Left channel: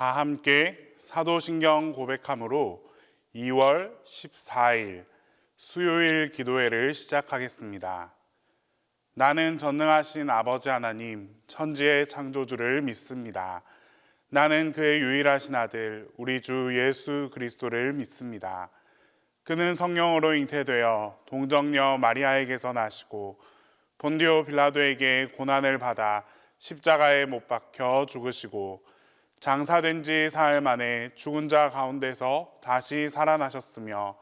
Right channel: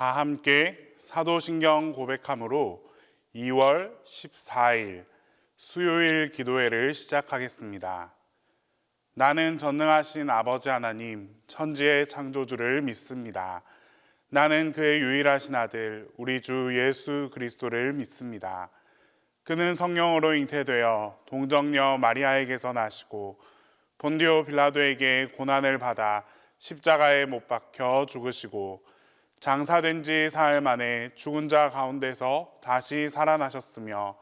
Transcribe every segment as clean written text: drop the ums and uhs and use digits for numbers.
다 함께 사도신경 고백함으로 2월 14일 수요일 기도회를 시작하겠습니다. 나는 전능하신 아버지 하나님, 천지의 창조주를 믿습니다. 나는 그의 유일하신 아들, 우리 주 예수 그리스도를 믿습니다. 그는 성령으로 잉태되어 동정녀 마리아에게서 나시고 본디오 빌라도에게 고난을 받아 십자가에 못 박혀 죽으시고 장사된 지 사흘 만에 죽은 자 가운데서 다시 살아나셨으며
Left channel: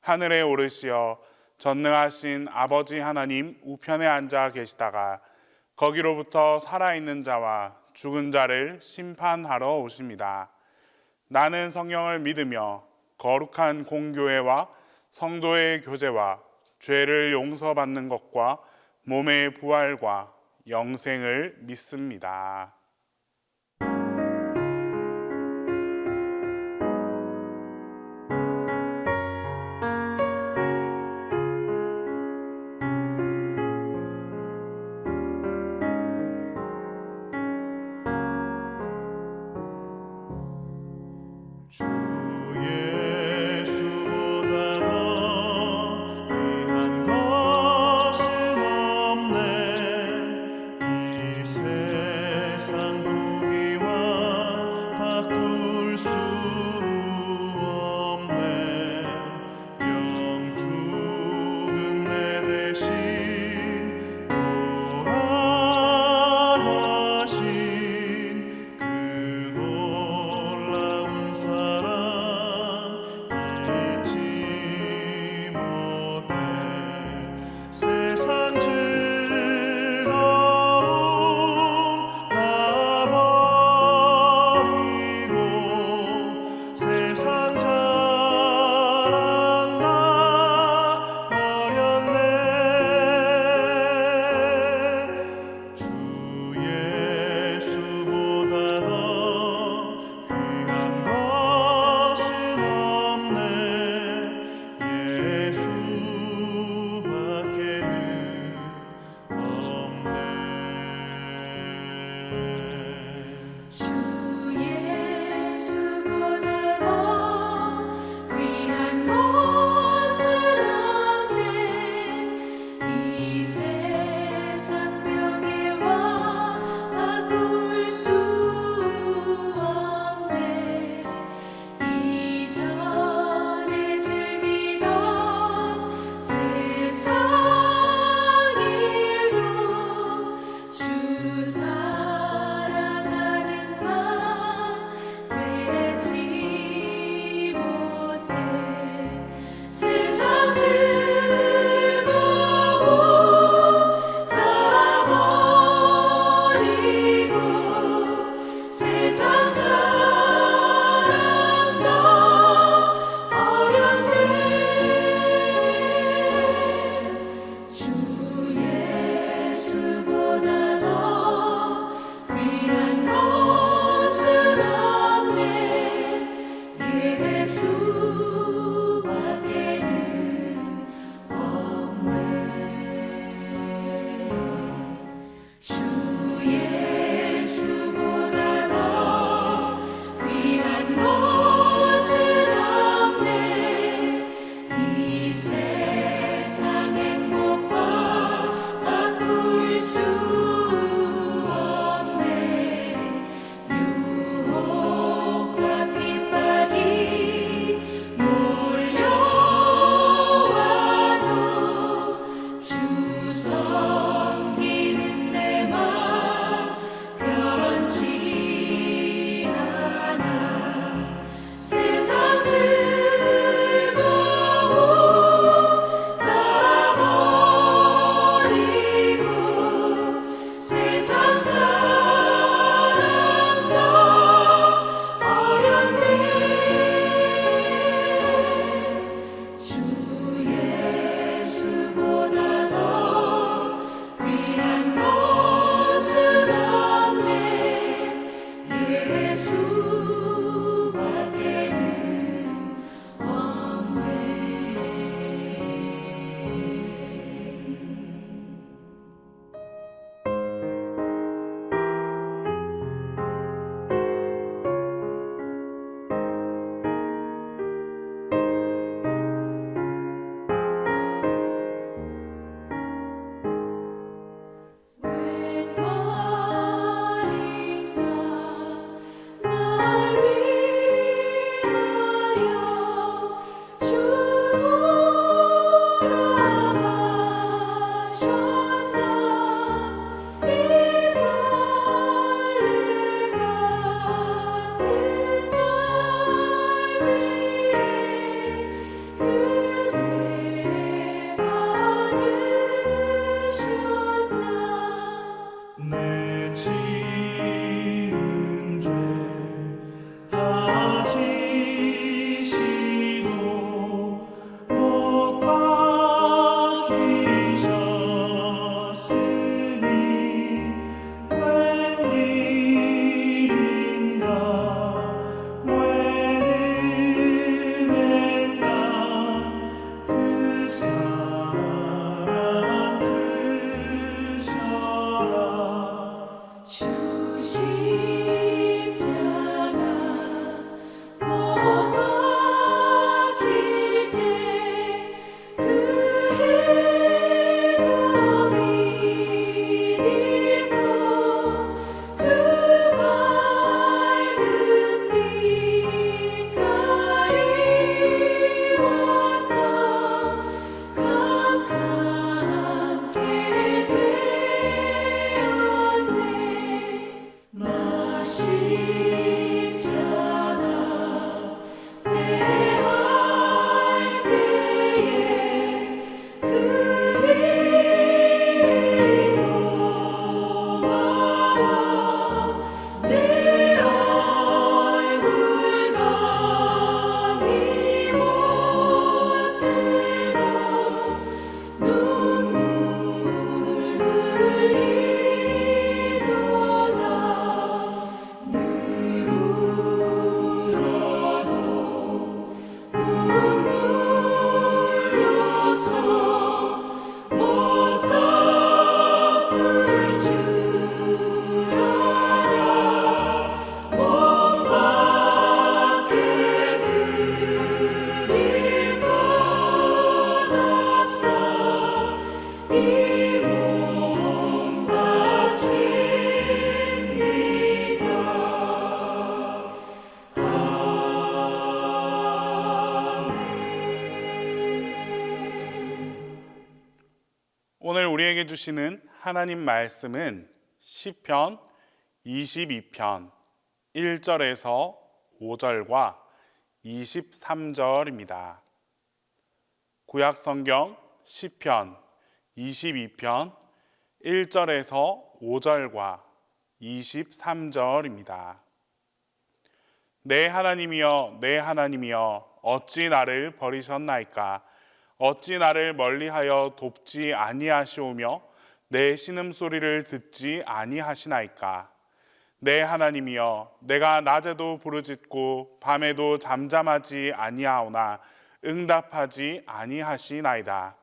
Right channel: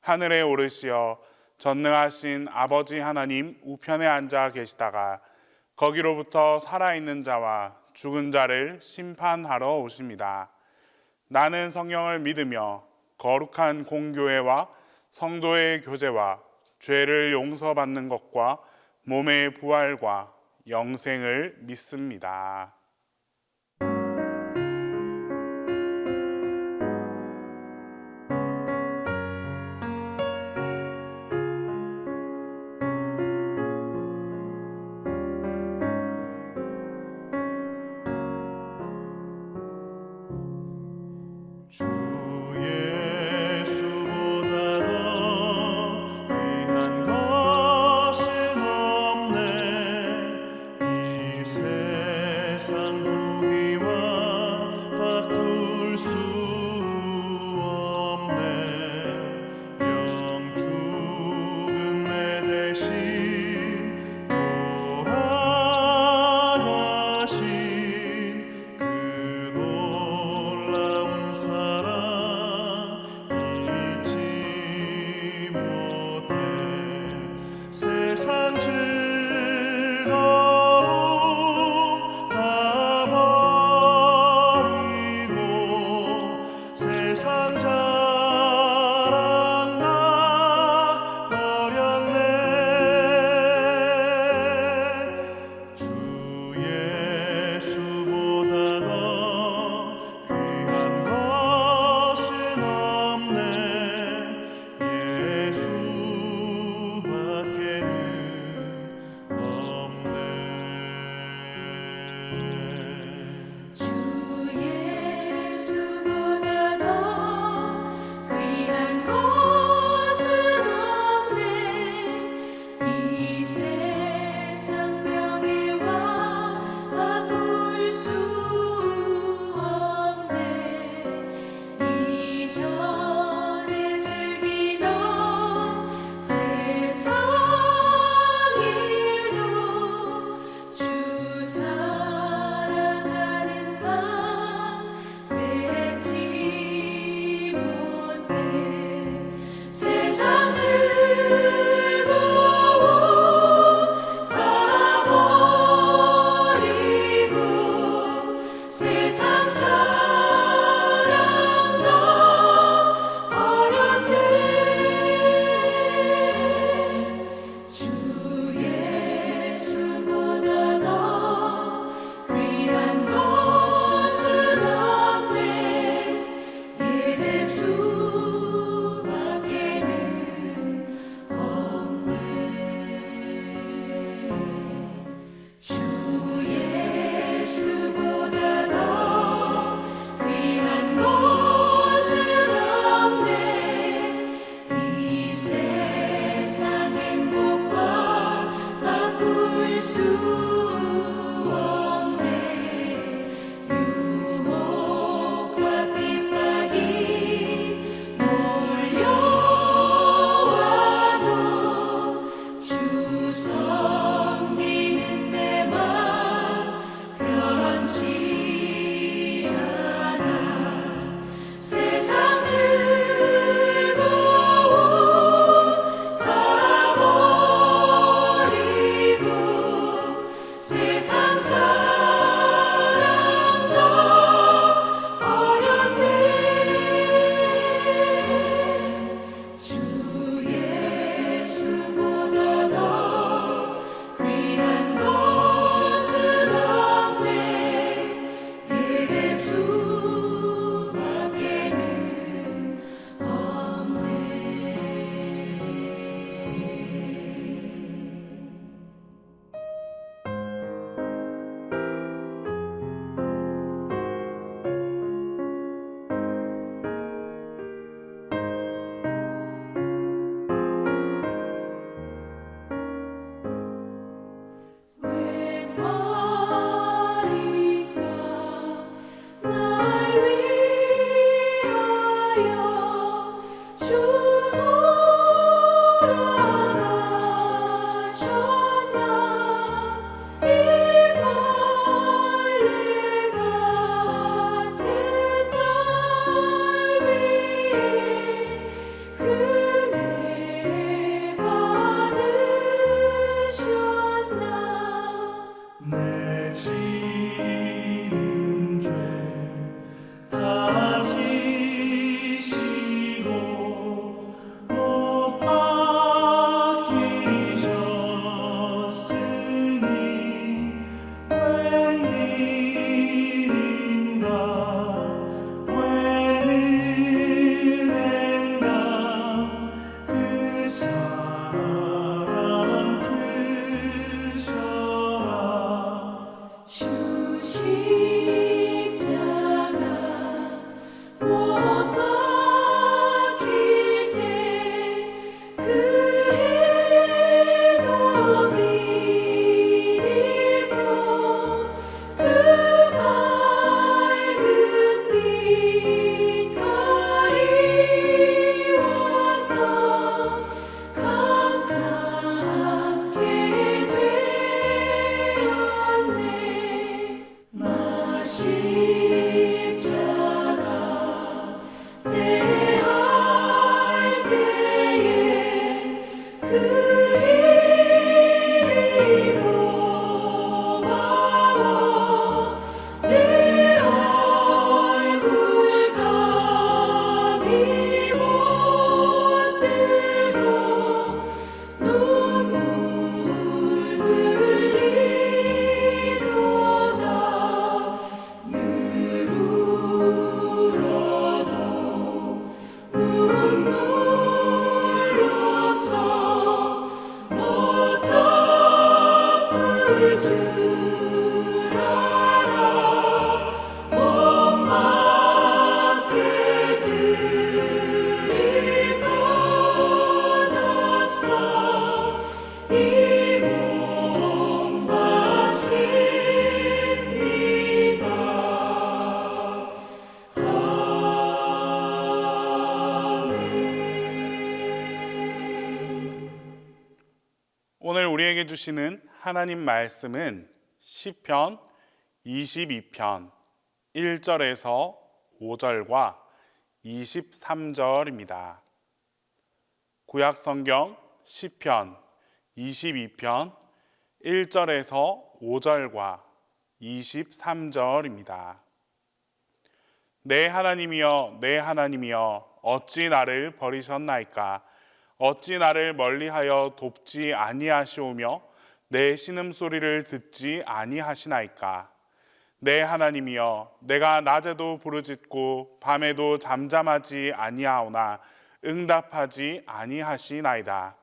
하늘에 오르시어 전능하신 아버지 하나님 우편에 앉아 계시다가 거기로부터 살아있는 자와 죽은 자를 심판하러 오십니다. 나는 성령을 믿으며 거룩한 공교회와 성도의 교제와 죄를 용서받는 것과 몸의 부활과 영생을 믿습니다. 주 예수보다 더 귀한 것은 없네. 이 세상 오늘 우리에게 주시는 하나님 말씀은 시편 22편 1절에서 5절과 23절입니다. 구약 성경 시편 22편 1절에서 5절과 23절입니다. 내 하나님이여, 내 하나님이여, 어찌 나를 버리셨나이까? 어찌 나를 멀리하여 돕지 아니하시오며 내 신음소리를 듣지 아니하시나이까? 내 하나님이여, 내가 낮에도 부르짖고 밤에도 잠잠하지 아니하오나 응답하지 아니하시나이다.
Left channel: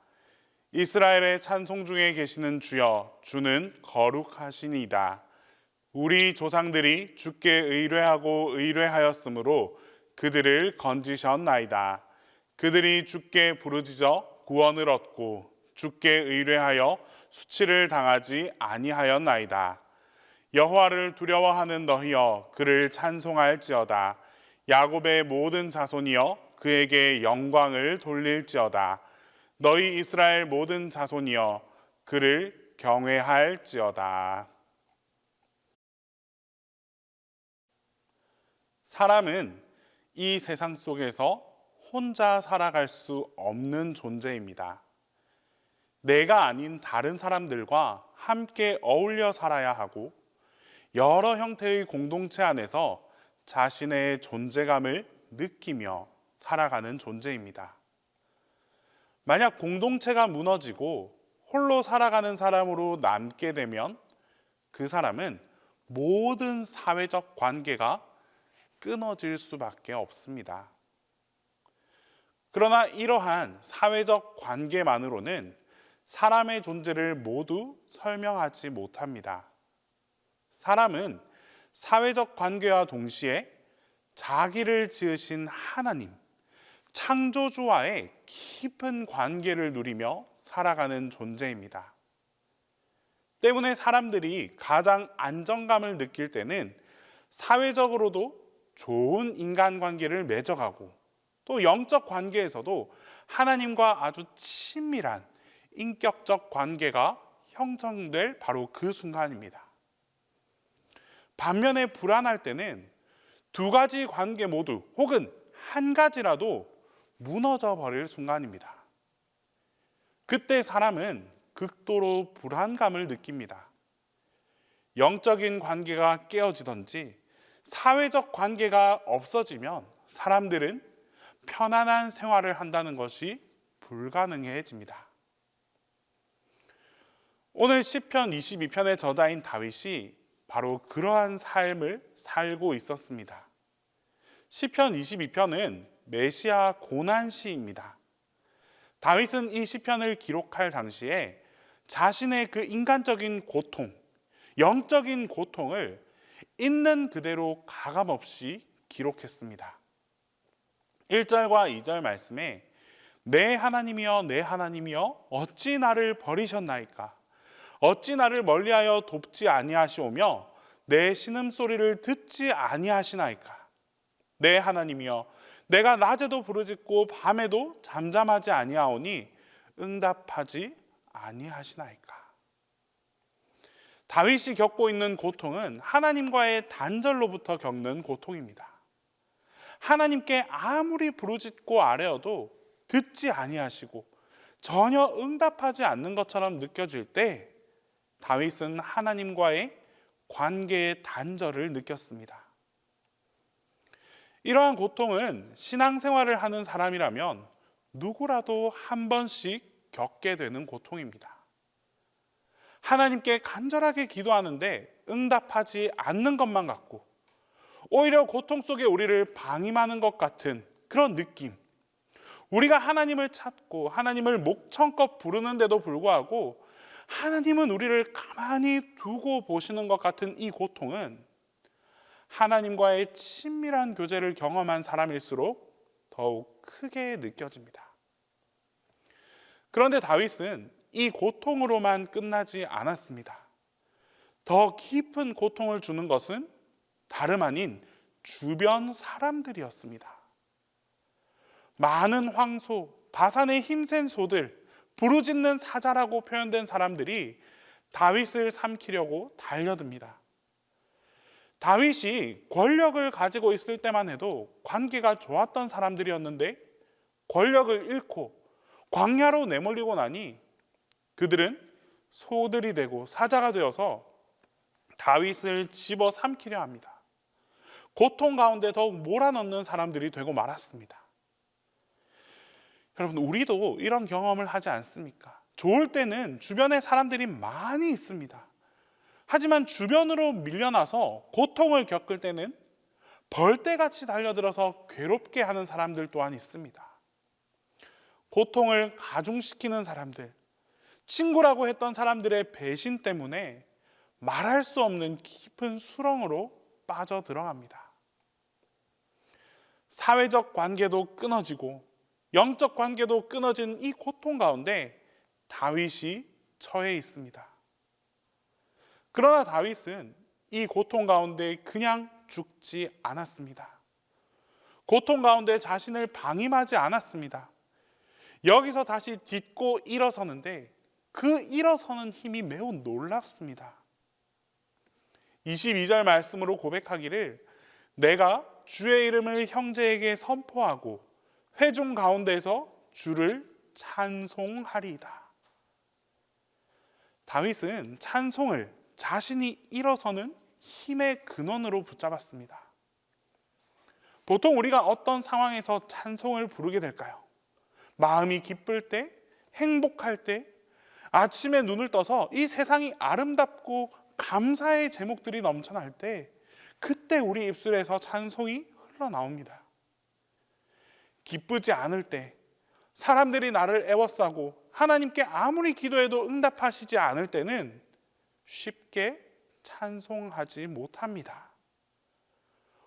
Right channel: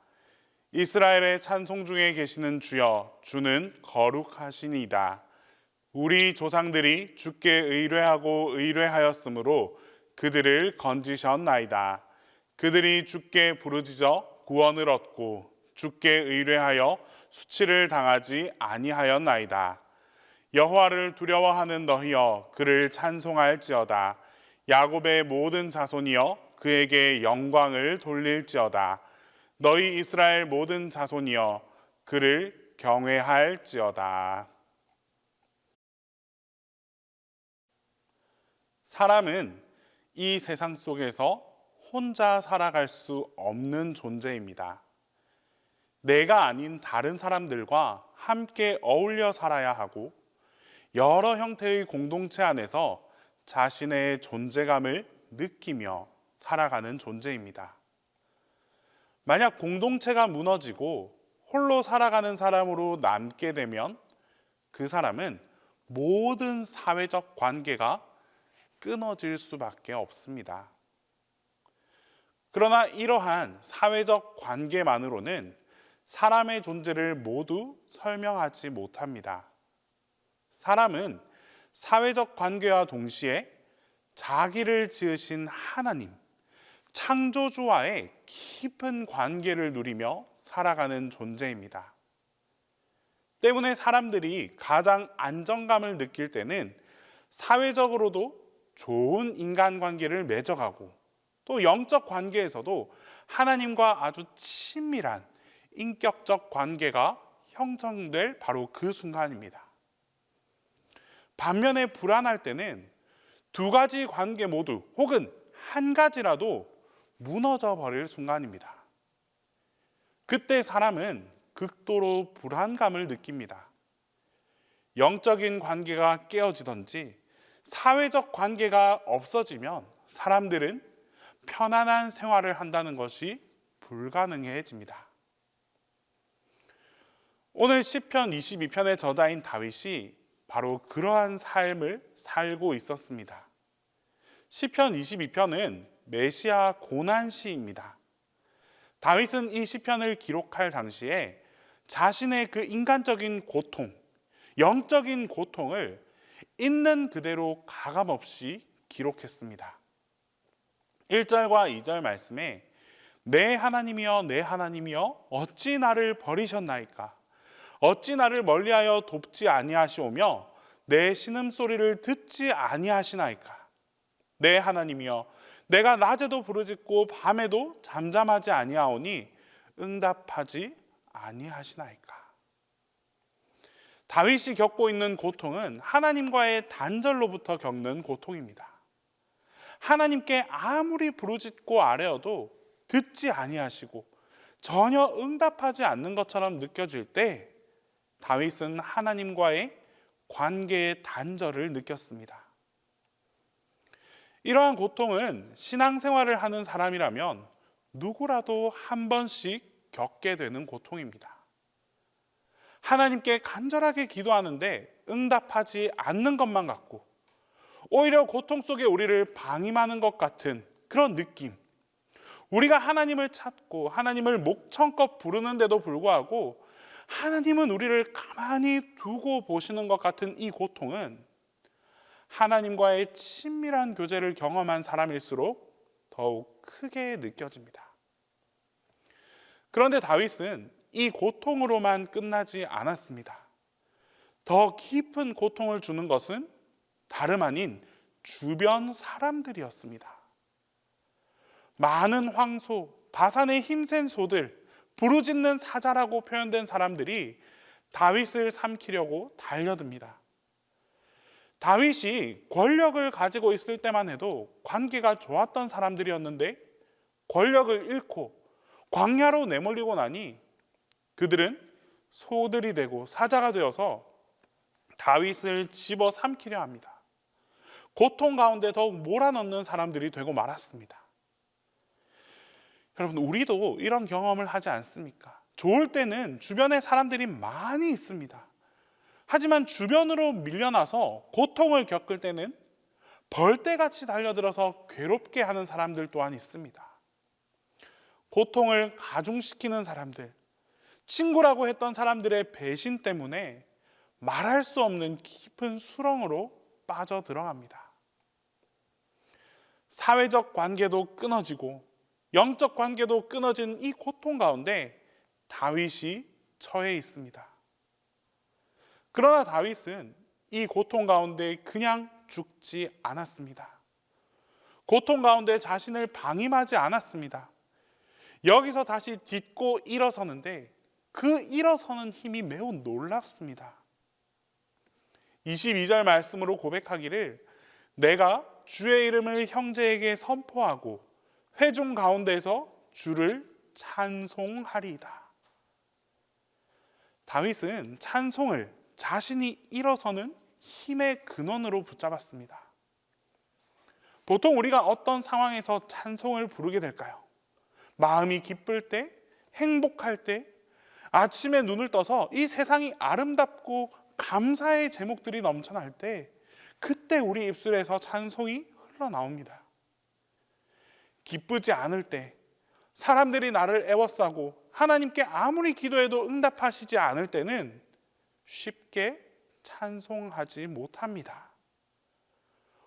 이스라엘의 찬송 중에 계시는 주여, 주는 거룩하시니이다. 우리 조상들이 주께 의뢰하고 의뢰하였으므로 그들을 건지셨나이다. 그들이 주께 부르짖어 구원을 얻고 주께 의뢰하여 수치를 당하지 아니하였나이다. 여호와를 두려워하는 너희여, 그를 찬송할지어다. 야곱의 모든 자손이여, 그에게 영광을 돌릴지어다. 너희 이스라엘 모든 자손이여, 그를 경외할지어다. 사람은 이 세상 속에서 혼자 살아갈 수 없는 존재입니다. 내가 아닌 다른 사람들과 함께 어울려 살아야 하고 여러 형태의 공동체 안에서 자신의 존재감을 느끼며 살아가는 존재입니다. 만약 공동체가 무너지고 홀로 살아가는 사람으로 남게 되면 그 사람은 모든 사회적 관계가 끊어질 수밖에 없습니다. 그러나 이러한 사회적 관계만으로는 사람의 존재를 모두 설명하지 못합니다. 사람은 사회적 관계와 동시에 자기를 지으신 하나님, 창조주와의 깊은 관계를 누리며 살아가는 존재입니다. 때문에 사람들이 가장 안정감을 느낄 때는 사회적으로도 좋은 인간관계를 맺어가고 또 영적 관계에서도 하나님과 아주 친밀한 인격적 관계가 형성될 바로 그 순간입니다. 반면에 불안할 때는 두 가지 관계 모두 혹은 한 가지라도 무너져 버릴 순간입니다. 그때 사람은 극도로 불안감을 느낍니다. 영적인 관계가 깨어지든지 사회적 관계가 없어지면 사람들은 편안한 생활을 한다는 것이 불가능해집니다. 오늘 시편 22편의 저자인 다윗이 바로 그러한 삶을 살고 있었습니다. 시편 22편은 메시아 고난시입니다. 다윗은 이 시편을 기록할 당시에 자신의 그 인간적인 고통, 영적인 고통을 있는 그대로 가감없이 기록했습니다. 1절과 2절 말씀에 내 하나님이여, 내 하나님이여, 어찌 나를 버리셨나이까? 어찌 나를 멀리하여 돕지 아니하시오며 내 신음소리를 듣지 아니하시나이까? 내 하나님이여, 내가 낮에도 부르짖고 밤에도 잠잠하지 아니하오니 응답하지 아니하시나이까? 다윗이 겪고 있는 고통은 하나님과의 단절로부터 겪는 고통입니다. 하나님께 아무리 부르짖고 아뢰어도 듣지 아니하시고 전혀 응답하지 않는 것처럼 느껴질 때 다윗은 하나님과의 관계의 단절을 느꼈습니다. 이러한 고통은 신앙생활을 하는 사람이라면 누구라도 한 번씩 겪게 되는 고통입니다. 하나님께 간절하게 기도하는데 응답하지 않는 것만 같고 오히려 고통 속에 우리를 방임하는 것 같은 그런 느낌. 우리가 하나님을 찾고 하나님을 목청껏 부르는데도 불구하고 하나님은 우리를 가만히 두고 보시는 것 같은 이 고통은 하나님과의 친밀한 교제를 경험한 사람일수록 더욱 크게 느껴집니다. 그런데 다윗은 이 고통으로만 끝나지 않았습니다. 더 깊은 고통을 주는 것은 다름 아닌 주변 사람들이었습니다. 많은 황소, 바산의 힘센 소들, 부르짖는 사자라고 표현된 사람들이 다윗을 삼키려고 달려듭니다. 다윗이 권력을 가지고 있을 때만 해도 관계가 좋았던 사람들이었는데 권력을 잃고 광야로 내몰리고 나니 그들은 소들이 되고 사자가 되어서 다윗을 집어 삼키려 합니다. 고통 가운데 더욱 몰아넣는 사람들이 되고 말았습니다. 여러분, 우리도 이런 경험을 하지 않습니까? 좋을 때는 주변에 사람들이 많이 있습니다. 하지만 주변으로 밀려나서 고통을 겪을 때는 벌떼같이 달려들어서 괴롭게 하는 사람들 또한 있습니다. 고통을 가중시키는 사람들, 친구라고 했던 사람들의 배신 때문에 말할 수 없는 깊은 수렁으로 빠져 들어갑니다. 사회적 관계도 끊어지고 영적 관계도 끊어진 이 고통 가운데 다윗이 처해 있습니다. 그러나 다윗은 이 고통 가운데 그냥 죽지 않았습니다. 고통 가운데 자신을 방임하지 않았습니다. 여기서 다시 딛고 일어서는데 그 일어서는 힘이 매우 놀랍습니다. 22절 말씀으로 고백하기를 내가 주의 이름을 형제에게 선포하고 회중 가운데서 주를 찬송하리이다. 다윗은 찬송을 자신이 일어서는 힘의 근원으로 붙잡았습니다. 보통 우리가 어떤 상황에서 찬송을 부르게 될까요? 마음이 기쁠 때, 행복할 때, 아침에 눈을 떠서 이 세상이 아름답고 감사의 제목들이 넘쳐날 때 그때 우리 입술에서 찬송이 흘러나옵니다. 기쁘지 않을 때, 사람들이 나를 애워싸고 하나님께 아무리 기도해도 응답하시지 않을 때는 쉽게 찬송하지 못합니다.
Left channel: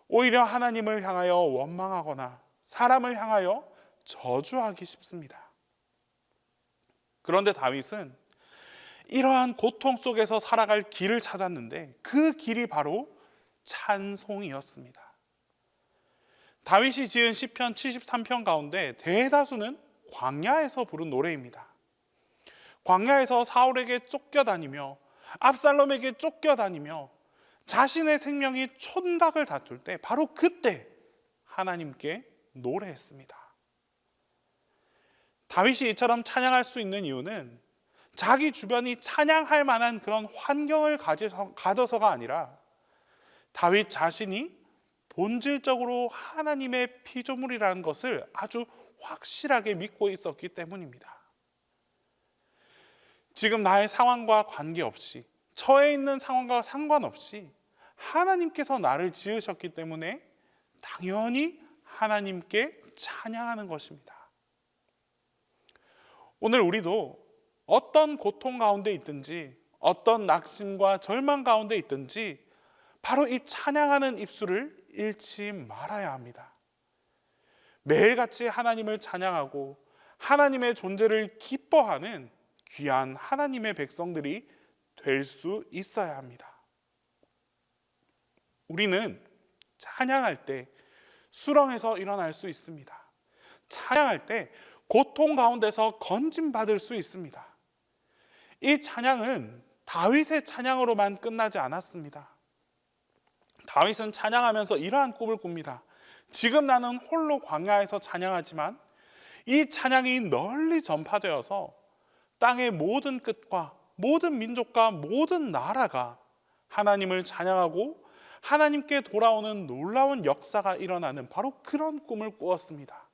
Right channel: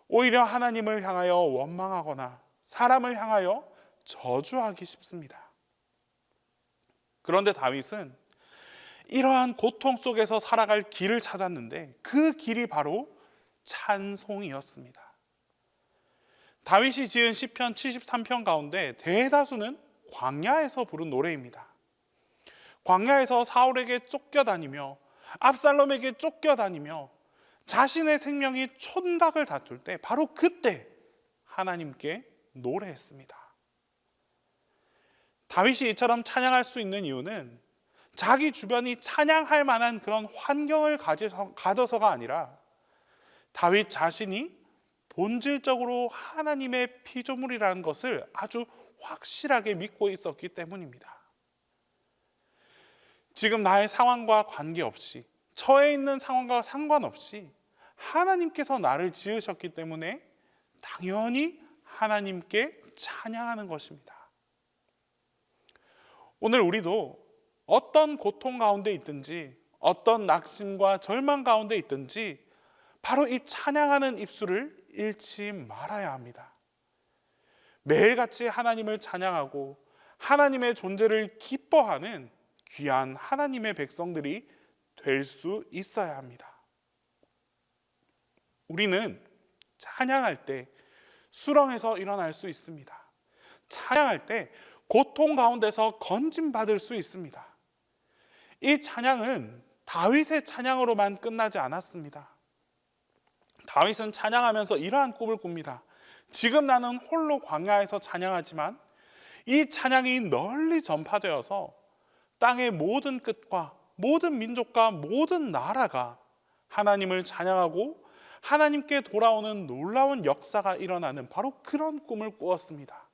오히려 하나님을 향하여 원망하거나 사람을 향하여 저주하기 쉽습니다. 그런데 다윗은 이러한 고통 속에서 살아갈 길을 찾았는데 그 길이 바로 찬송이었습니다. 다윗이 지은 시편 73편 가운데 대다수는 광야에서 부른 노래입니다. 광야에서 사울에게 쫓겨다니며 압살롬에게 쫓겨다니며 자신의 생명이 촌각을 다툴 때 바로 그때 하나님께 노래했습니다. 다윗이 이처럼 찬양할 수 있는 이유는 자기 주변이 찬양할 만한 그런 환경을 가져서가 아니라 다윗 자신이 본질적으로 하나님의 피조물이라는 것을 아주 확실하게 믿고 있었기 때문입니다. 지금 나의 상황과 관계없이, 처해 있는 상황과 상관없이 하나님께서 나를 지으셨기 때문에 당연히 하나님께 찬양하는 것입니다. 오늘 우리도 어떤 고통 가운데 있든지 어떤 낙심과 절망 가운데 있든지 바로 이 찬양하는 입술을 잃지 말아야 합니다. 매일같이 하나님을 찬양하고 하나님의 존재를 기뻐하는 귀한 하나님의 백성들이 될 수 있어야 합니다. 우리는 찬양할 때 수렁에서 일어날 수 있습니다. 찬양할 때 고통 가운데서 건짐받을 수 있습니다. 이 찬양은 다윗의 찬양으로만 끝나지 않았습니다. 다윗은 찬양하면서 이러한 꿈을 꿉니다. 지금 나는 홀로 광야에서 찬양하지만 이 찬양이 널리 전파되어서 땅의 모든 끝과 모든 민족과 모든 나라가 하나님을 찬양하고 하나님께 돌아오는 놀라운 역사가 일어나는 바로 그런 꿈을 꾸었습니다.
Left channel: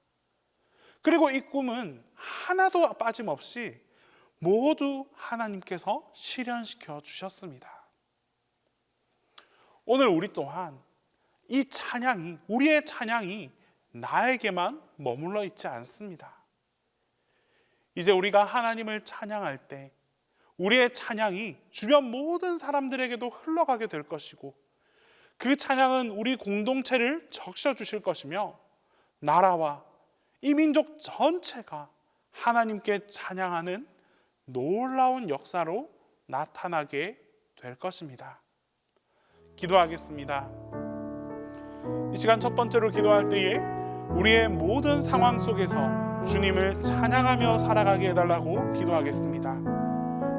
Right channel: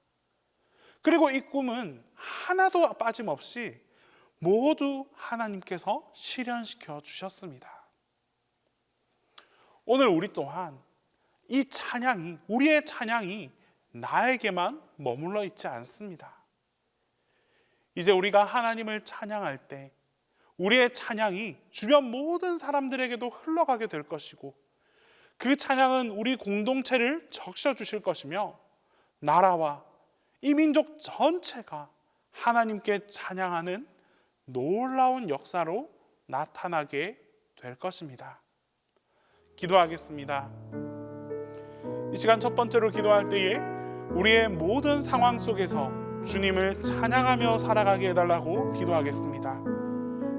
그리고 이 꿈은 하나도 빠짐없이 모두 하나님께서 실현시켜 주셨습니다. 오늘 우리 또한 이 찬양이, 우리의 찬양이 나에게만 머물러 있지 않습니다. 이제 우리가 하나님을 찬양할 때 우리의 찬양이 주변 모든 사람들에게도 흘러가게 될 것이고 그 찬양은 우리 공동체를 적셔 주실 것이며 나라와 이 민족 전체가 하나님께 찬양하는 놀라운 역사로 나타나게 될 것입니다. 기도하겠습니다. 이 시간 첫 번째로 기도할 때에 우리의 모든 상황 속에서 주님을 찬양하며 살아가게 해달라고 기도하겠습니다.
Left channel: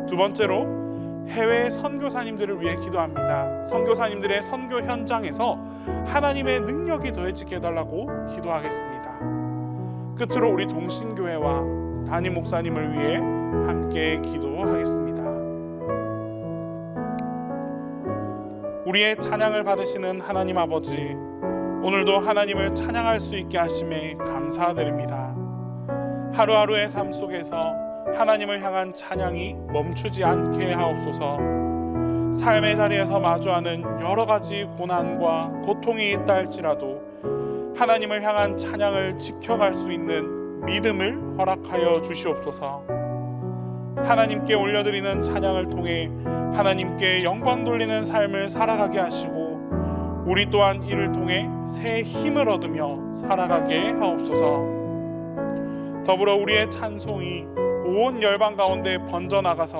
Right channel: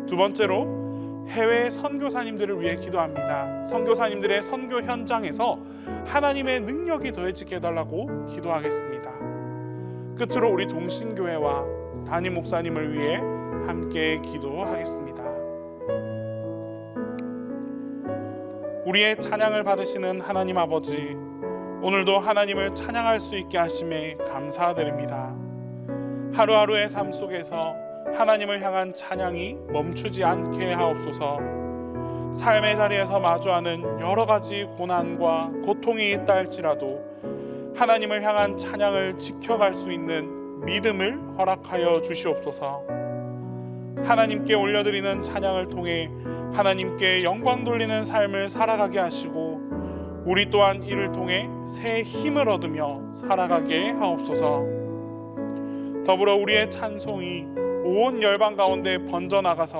두 번째로 해외 선교사님들을 위해 기도합니다. 선교사님들의 선교 현장에서 하나님의 능력이 더해지게 해달라고 기도하겠습니다. 끝으로 우리 동신교회와 담임 목사님을 위해 함께 기도하겠습니다. 우리의 찬양을 받으시는 하나님 아버지, 오늘도 하나님을 찬양할 수 있게 하심에 감사드립니다. 하루하루의 삶 속에서 하나님을 향한 찬양이 멈추지 않게 하옵소서. 삶의 자리에서 마주하는 여러 가지 고난과 고통이 있다 할지라도 하나님을 향한 찬양을 지켜갈 수 있는 믿음을 허락하여 주시옵소서. 하나님께 올려드리는 찬양을 통해 하나님께 영광 돌리는 삶을 살아가게 하시고 우리 또한 이를 통해 새 힘을 얻으며 살아가게 하옵소서. 더불어 우리의 찬송이 온 열방 가운데 번져나가서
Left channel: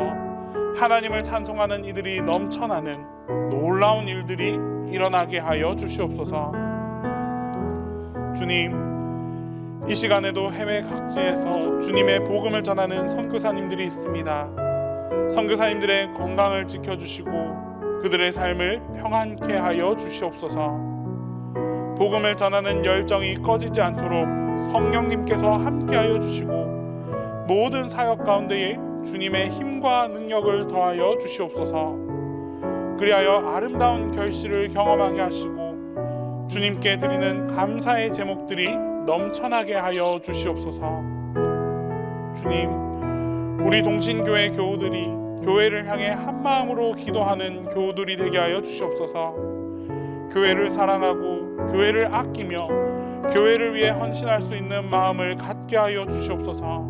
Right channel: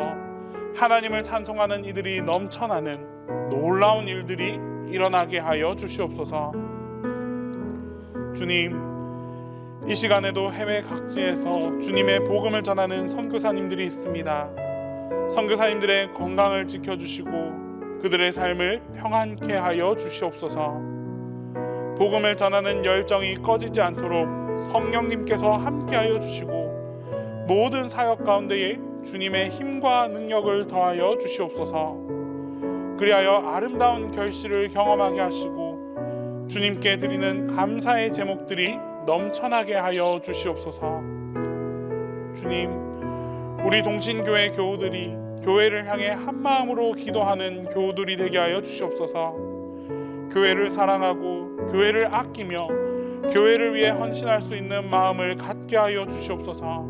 하나님을 찬송하는 이들이 넘쳐나는 놀라운 일들이 일어나게 하여 주시옵소서. 주님, 이 시간에도 해외 각지에서 주님의 복음을 전하는 선교사님들이 있습니다. 선교사님들의 건강을 지켜주시고 그들의 삶을 평안케 하여 주시옵소서. 복음을 전하는 열정이 꺼지지 않도록 성령님께서 함께하여 주시고 모든 사역 가운데에 주님의 힘과 능력을 더하여 주시옵소서. 그리하여 아름다운 결실을 경험하게 하시고 주님께 드리는 감사의 제목들이 넘쳐나게 하여 주시옵소서. 주님, 우리 동신교회 교우들이 교회를 향해 한마음으로 기도하는 교우들이 되게 하여 주시옵소서. 교회를 사랑하고 교회를 아끼며 교회를 위해 헌신할 수 있는 마음을 갖게 하여 주시옵소서.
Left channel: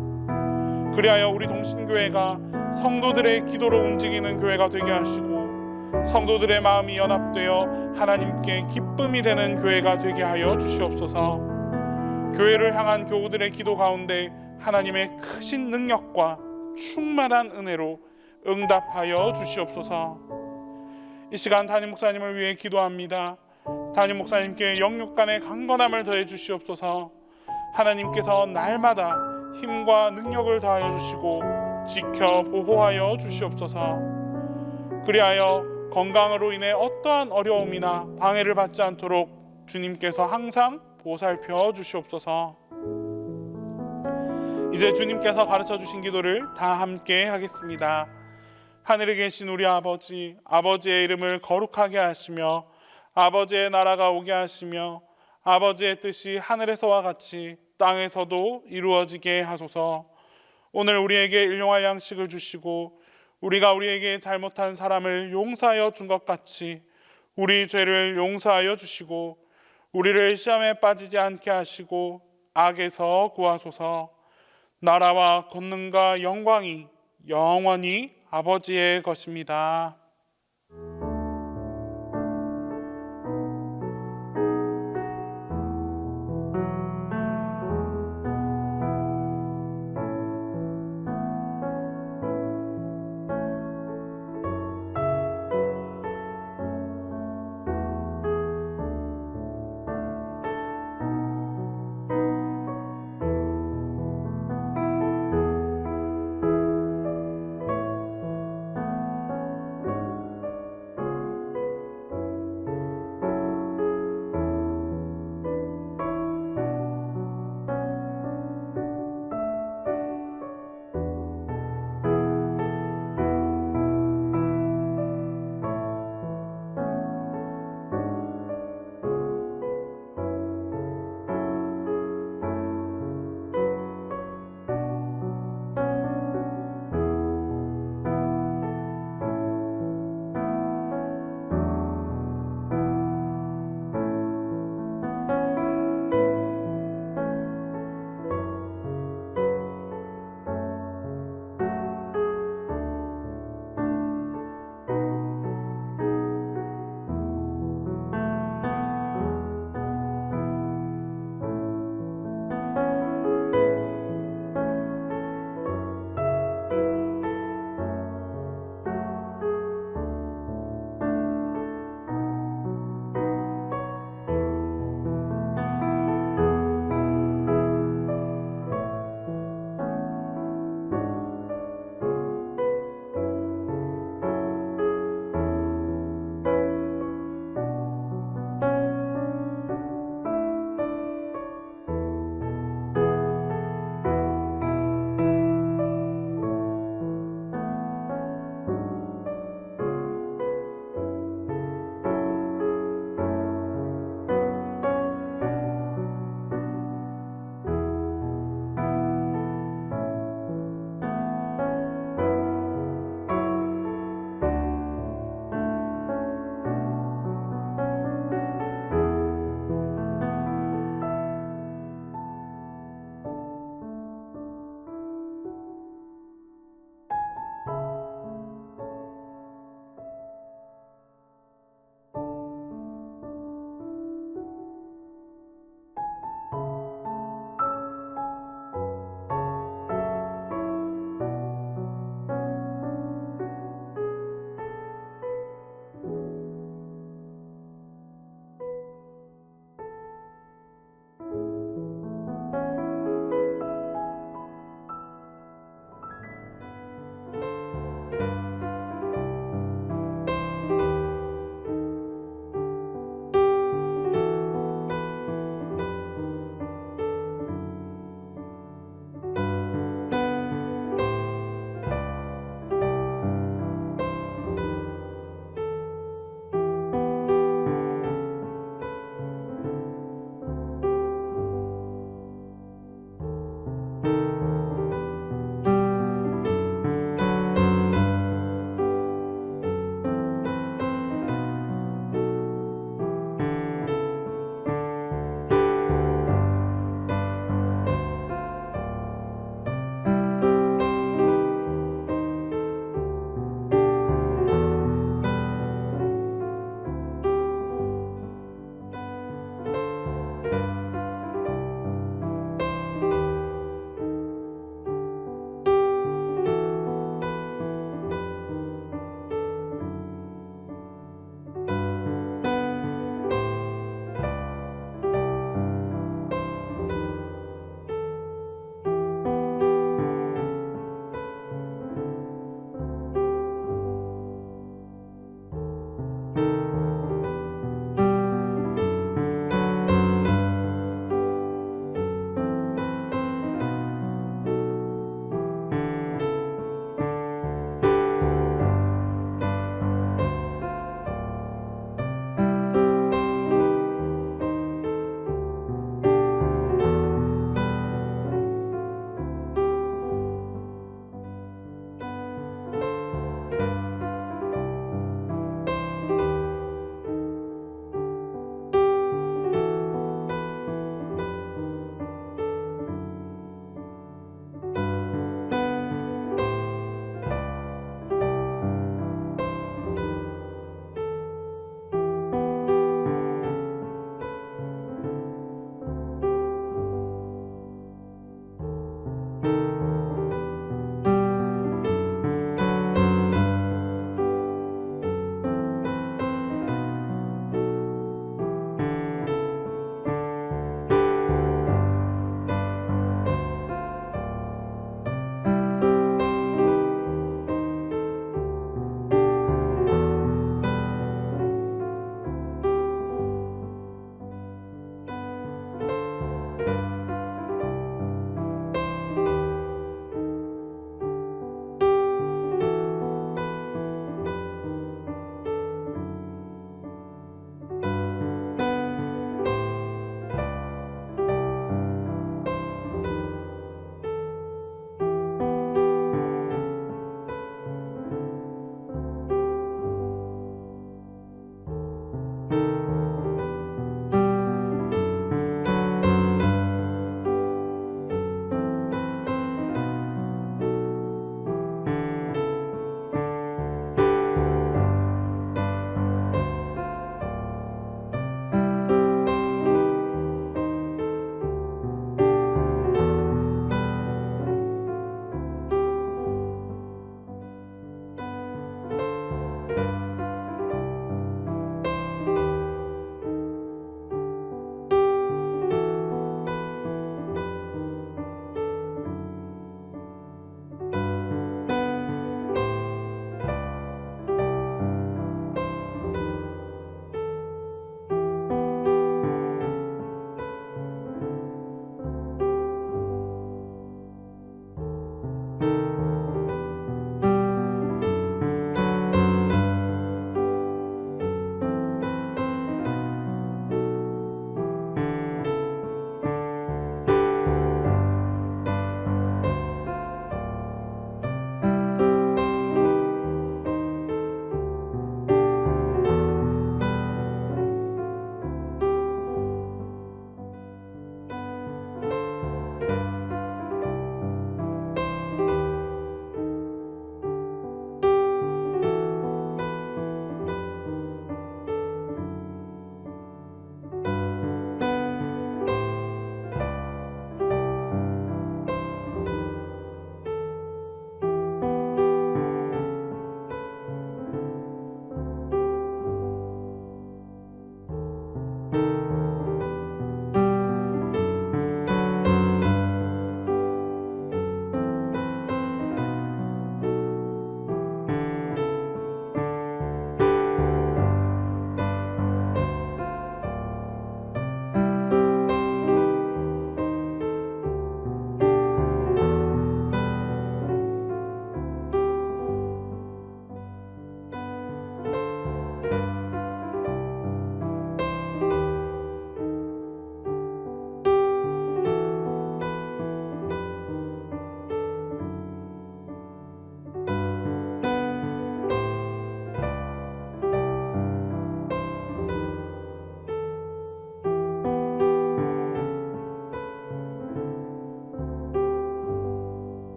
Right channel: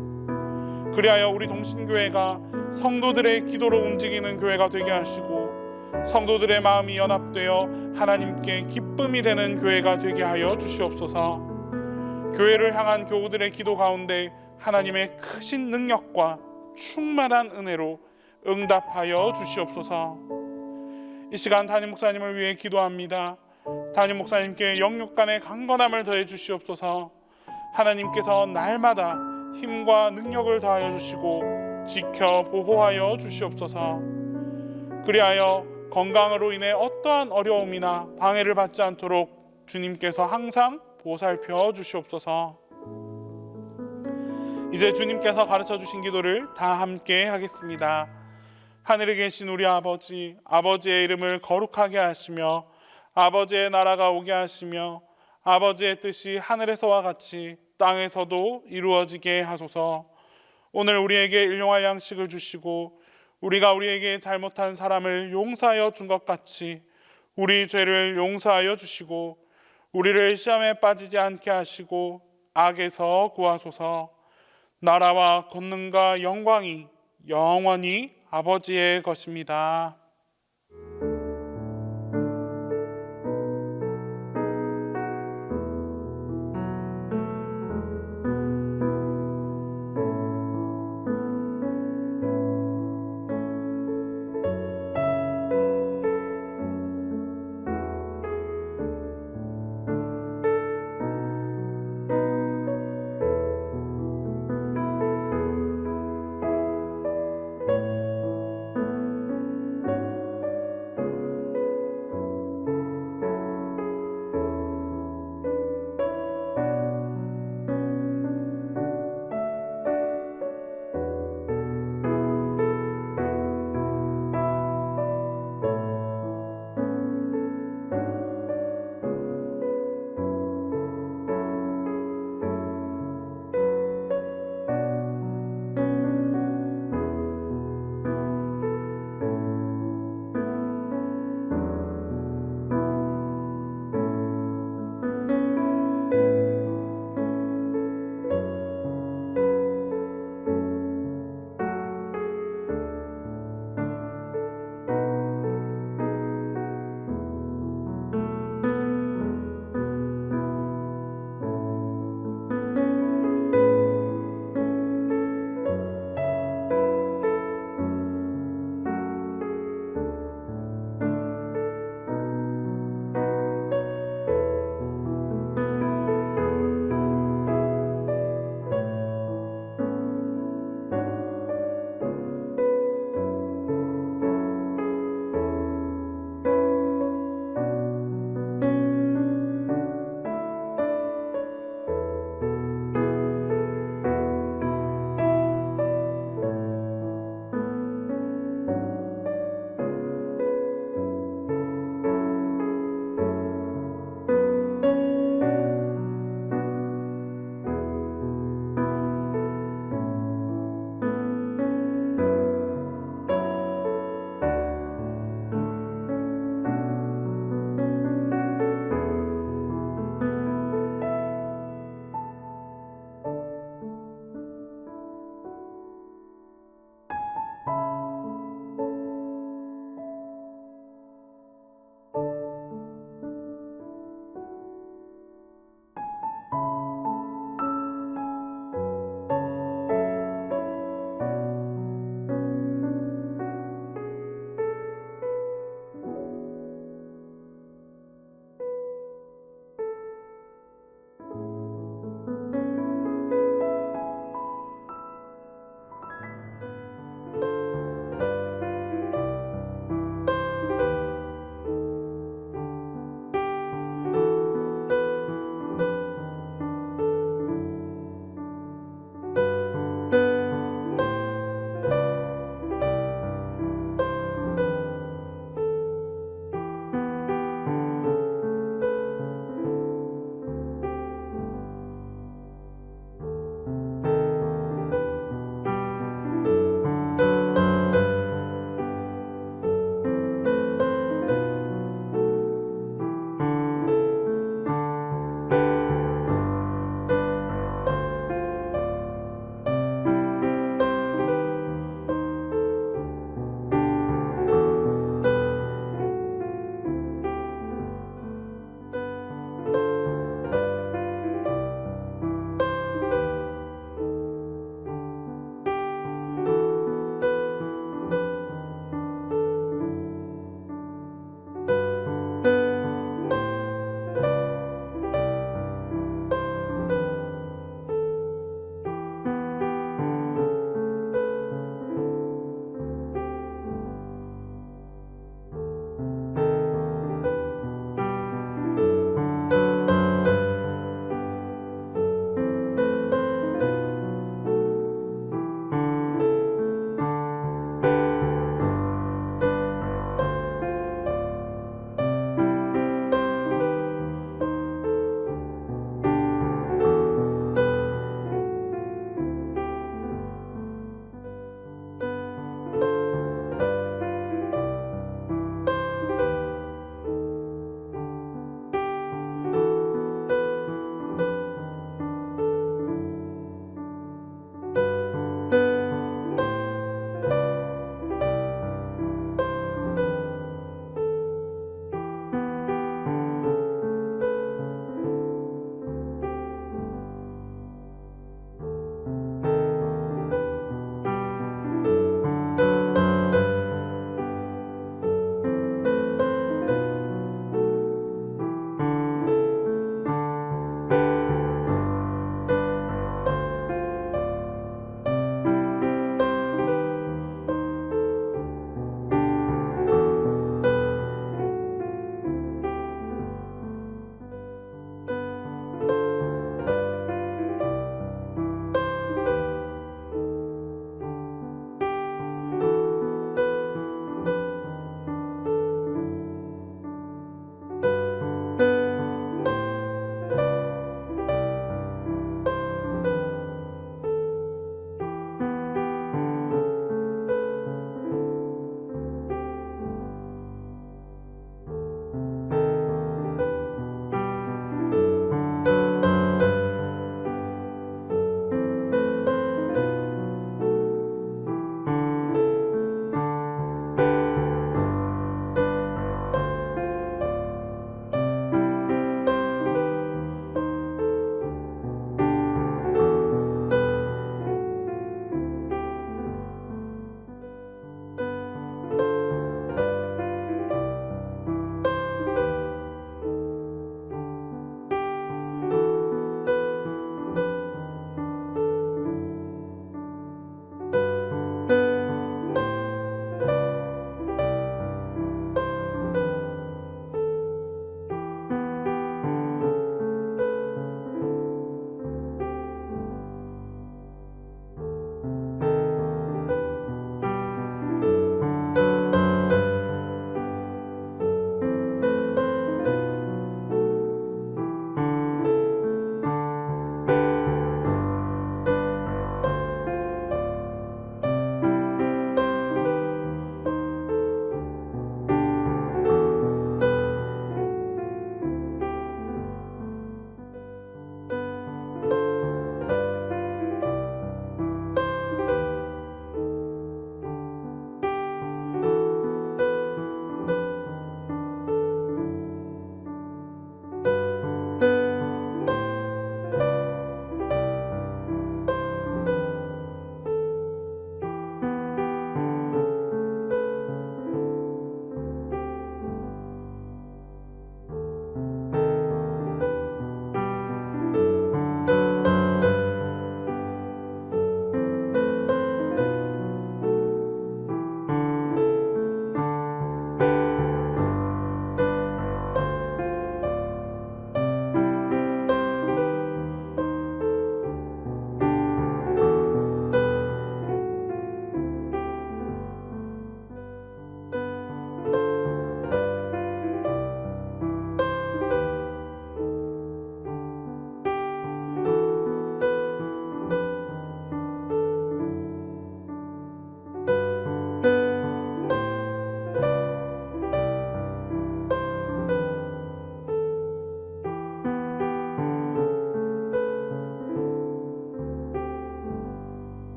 그리하여 우리 동신교회가 성도들의 기도로 움직이는 교회가 되게 하시고 성도들의 마음이 연합되어 하나님께 기쁨이 되는 교회가 되게 하여 주시옵소서. 교회를 향한 교우들의 기도 가운데 하나님의 크신 능력과 충만한 은혜로 응답하여 주시옵소서. 이 시간 담임 목사님을 위해 기도합니다. 담임 목사님께 영육간의 강건함을 더해 주시옵소서. 하나님께서 날마다 힘과 능력을 더하여 주시고 지켜 보호하여 주시옵소서. 그리하여 건강으로 인해 어떠한 어려움이나 방해를 받지 않도록 주님께서 항상 보살펴 주시옵소서. 이제 주님께서 가르쳐 주신 기도를 다 함께 하겠습니다. 하늘에 계신 우리 아버지, 아버지의 이름을 거룩하게 하시며 아버지의 나라가 오게 하시며 아버지의 뜻이 하늘에서와 같이 땅에서도 이루어지게 하소서. 오늘 우리에게 일용할 양식을 주시고 우리가 우리에게 잘못한 사람을 용서하여 준 것 같이 우리 죄를 용서하여 주시고 우리를 시험에 빠지지 않게 하시고 악에서 구하소서. 나라와 권능과 영광이 영원히 아버지의 것입니다.